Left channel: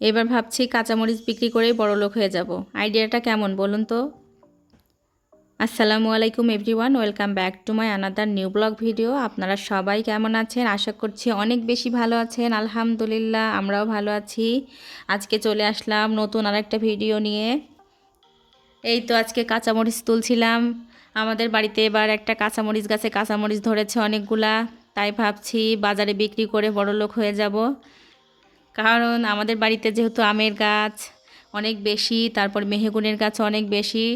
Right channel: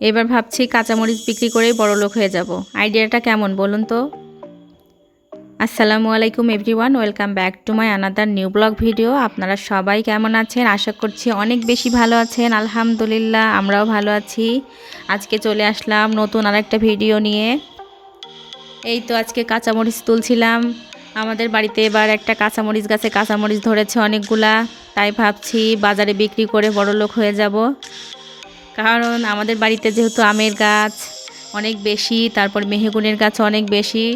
এবার ভাবছি কাঁচামরিচ বিক্রি করেই বড়লোক হয়ে যাব। আইডিয়াটা কেমন বলুন তো? আসসালামু আলাইকুম everyone, welcome back to my another new blog video. আপনারা সবাই কেমন আছেন? আশা করছি অনেক বেশি ভালো আছেন। আলহামদুলিল্লাহ, আমরাও ভালো আছি। আজকে চলে আসলাম নতুন আরেকটা ভিডিও নিয়ে। এই তো আজকে কাঁচামরিচ তুলছিলাম। আমাদের বাড়িতে এবার একটা কাঁচামরিচ গাছে কাঁচামরিচ ধরেছে অনেকগুলা। তাই ভাবছি বাজারে বিক্রি করে বড়লোক হয়ে যাব। কারণ আমাদের বাড়িতে যেহেতু আমের গাছ অনেক বেশি, তারপর মেহগনির গাছ অনেক বেশি,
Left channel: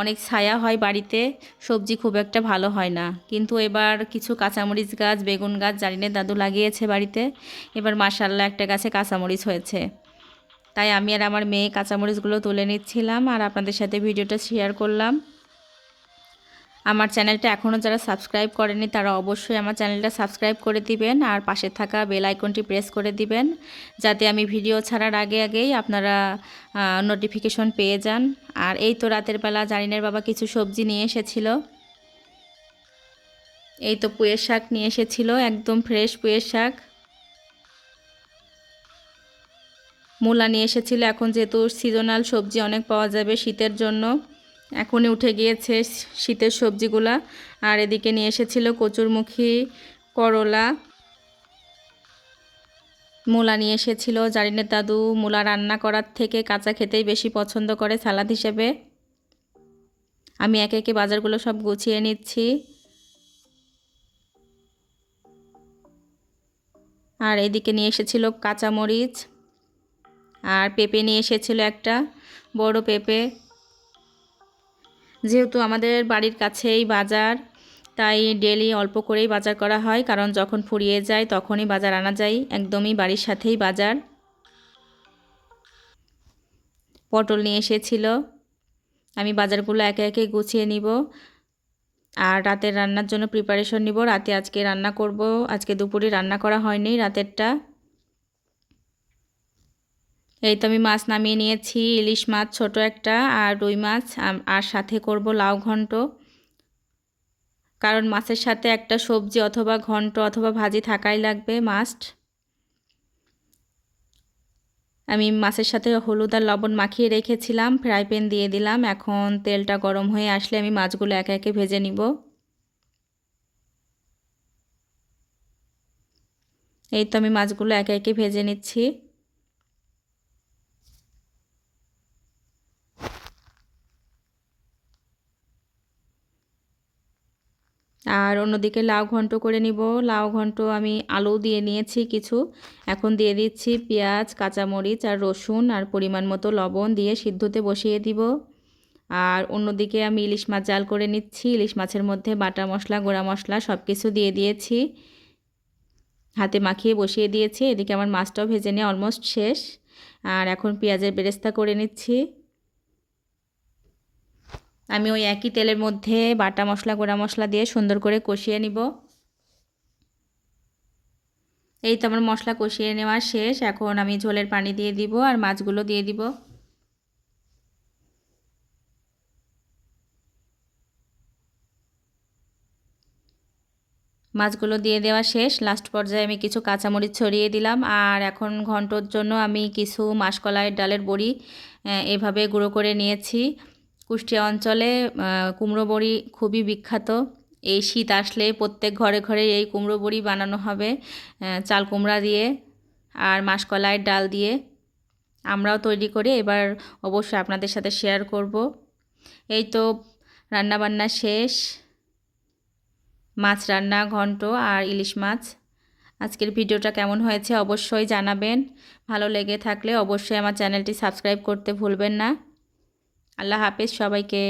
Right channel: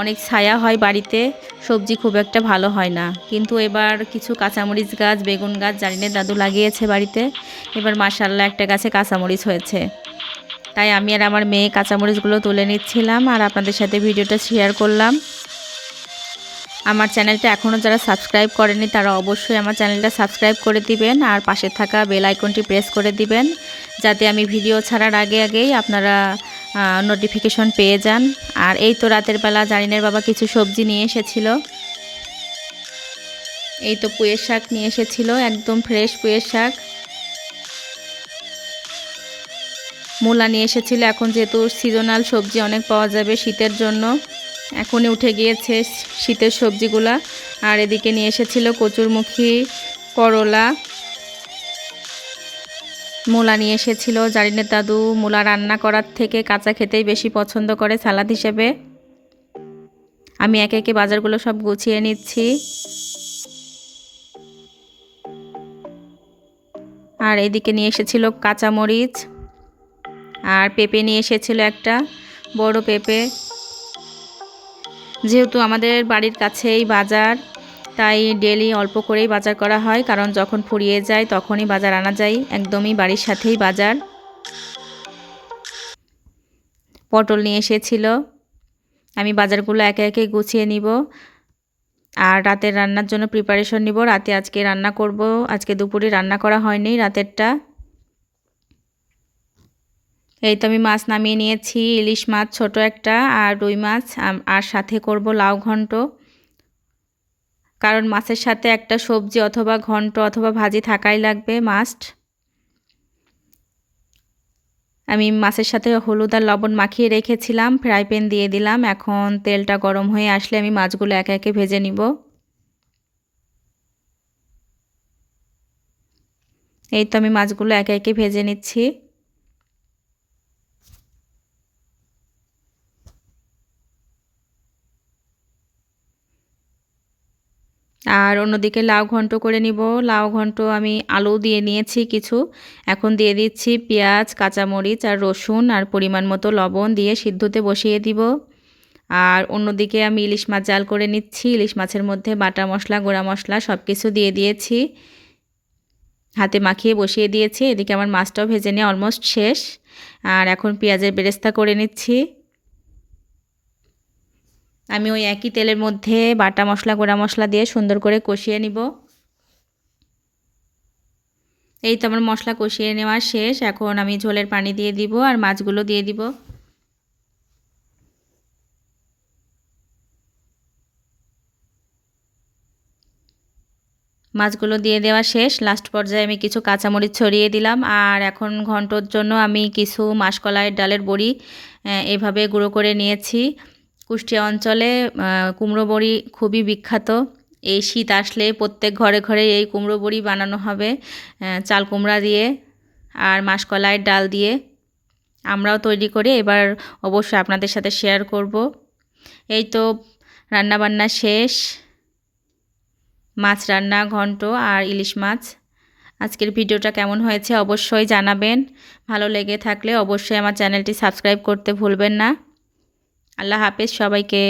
অনেক ছায়া হয় বাড়িতে, সবজি খুব একটা ভালো হয় না। কিন্তু এবার কিছু কাঁচামরিচ গাছ, বেগুন গাছ জারিনের দাদু লাগিয়েছে বাড়িতে। এবার মাশাআল্লাহ একটা গাছে কাঁচামরিচ হয়েছে। তাই আমি আর আমার মেয়ে কাঁচামরিচগুলো তুলে নিচ্ছিলাম আর আপনাদের সাথে ভিডিওটা শেয়ার করলাম। আমার চ্যানেলটা এখনও যারা সাবস্ক্রাইব করেনি তারা অবশ্যই আমার চ্যানেলটা সাবস্ক্রাইব করে দিবেন আর পাশে থাকা বেল আইকনটি প্রেস করে দিবেন, যাতে আমি ভিডিও ছাড়ার আগেই আপনারা নোটিফিকেশন পেয়ে যান। আর এই তো রাতের বেলা জারিনের বাবা কিছু সবজি নিয়ে এসেছিল। এই তো পুঁইয়ের শাক নিয়ে এসেছিল, একদম ফ্রেশ পুঁইয়ের শাক। মূলা নিয়ে এসেছিল। এখন যেহেতু সিজনাল সবজি অনেক পাওয়া যাবে শীতের জন্য, এখনই উঠে গিয়েছে শীতের সবজিগুলা। আর এদিকে নিয়ে এসেছিল কচুরমুখী, করলা, মূলা নিয়ে এসেছিল। জারিনের দাদু মূলা রান্না করার থেকে কাঁচা খেতেই বেশি পছন্দ করে সালাদ হিসেবে। আমি একে একে বাজারগুলো সব গুছিয়ে নিচ্ছি। আর এদিকে নিয়ে এসেছিল কাঁচামরিচ, আর পেঁপে নিয়ে এসেছিল একটা বড় পেঁপে। যেহেতু আমাদের বাড়ির কাছেই বাজার, তাই ডেলি অল্প করেই বাজার করা হয়, কারণ যখন ফুরিয়ে যায় তখনই বাজার আনা যায়, একদমই বাড়ির সাথেই বাজার। পটল নিয়ে এসেছিল। আমি বাজারগুলো একে একে গুছিয়ে নিব আর রাতের রান্নার জন্য প্রিপারেশন নিব। রাতে আজকে রান্না করব। আজকে দুপুরে রান্না করা হয়নি রাতেরটা। এই তো আমি মাছ নামিয়ে নিয়েছি, ইলিশ মাছ ছোট একটা আর রুই মাছ, আর সাথে করব লাউ ঘন্ট। কারণ মাছের সাথে একটা সবজি অথবা ঘন্ট অথবা ভাজি থাকাই লাগবে, মাস্ট। আমি মাছের সাথে হলুদ আর লবণ মাখিয়ে রেখেছিলাম, ফ্রাই প্যান দিয়ে দিলাম। এখন তেলটা গরম হয়ে আসলে আমি মাছগুলো একে একে ভেজে নিব। এই তো আমি মাছগুলো একে একে ভেজে নিচ্ছি। আর অন্যদিকে লাউ ঘন্ট করে নিব। লাউ ঘন্ট আমি আলু দিয়ে নিয়েছি কিছু। এখন দিয়ে দিচ্ছি পেঁয়াজ, কাঁচামরিচ আর রসুন আর পরিমাণ মতো লবণ দিয়ে সিদ্ধতে বসিয়ে দিব। আর অন্যদিকে আমি ইলিশ মাছ জাল করে নিচ্ছি। ইলিশ মাছের মধ্যে বাটা মশলা, গুঁড়া মশলা সব কিছু দিয়ে দিয়েছি, হাতে মাখিয়ে বসিয়ে দিয়েছি। এদিকে আমার মাছটাও ভেজে নিয়ে অলমোস্ট শেষ। আর এখন পেঁয়াজের বেরেস্তা করে নিচ্ছি। আমি ওই একই তেলের মধ্যে বাটা মশলা, গুঁড়া মশলা দিয়ে সুন্দর করে কষিয়ে নিব। এই তো আমার মশলা কষিয়ে নেওয়া শেষ। এখন আমি ঝোলের পানি দিয়ে দিব আর মাছগুলো দিয়ে দিব। মাছগুলো দিয়ে দেওয়া শেষ। লাস্ট পর্যায়ে আমি কিছু কাঁচামরিচ ছড়িয়ে দিলাম। আর এখন ঘন্টর জন্য আমি কিছু মাসকলাইয়ের ডালের বড়ি এভাবে গুঁড়ো করে নিয়েছি। কুষ্টিয়া অঞ্চলে কুমড়ো বড়ি খুবই বিখ্যাত। এই শীত আসলে প্রত্যেক ঘরে ঘরে এই কুমড়ো বড়ি বানানো হবে, চাল কুমড়া দিয়ে আর মাসকলাইয়ের ডাল দিয়ে। আমরাও তৈরি করে এবার অবশ্যই আপনাদের সাথে শেয়ার করব। এই তো রান্নাবান্না শেষ, মাছ রান্না, ঘন্ট আর ইলিশ মাছ। আজকের ভিডিওটা কেমন হয়েছে অবশ্যই জানাবেন। ভালো লেগে থাকলে অবশ্যই আমার চ্যানেলটি সাবস্ক্রাইব করতে ভুলবেন না। আল্লাহ হাফেজ সবাইকে।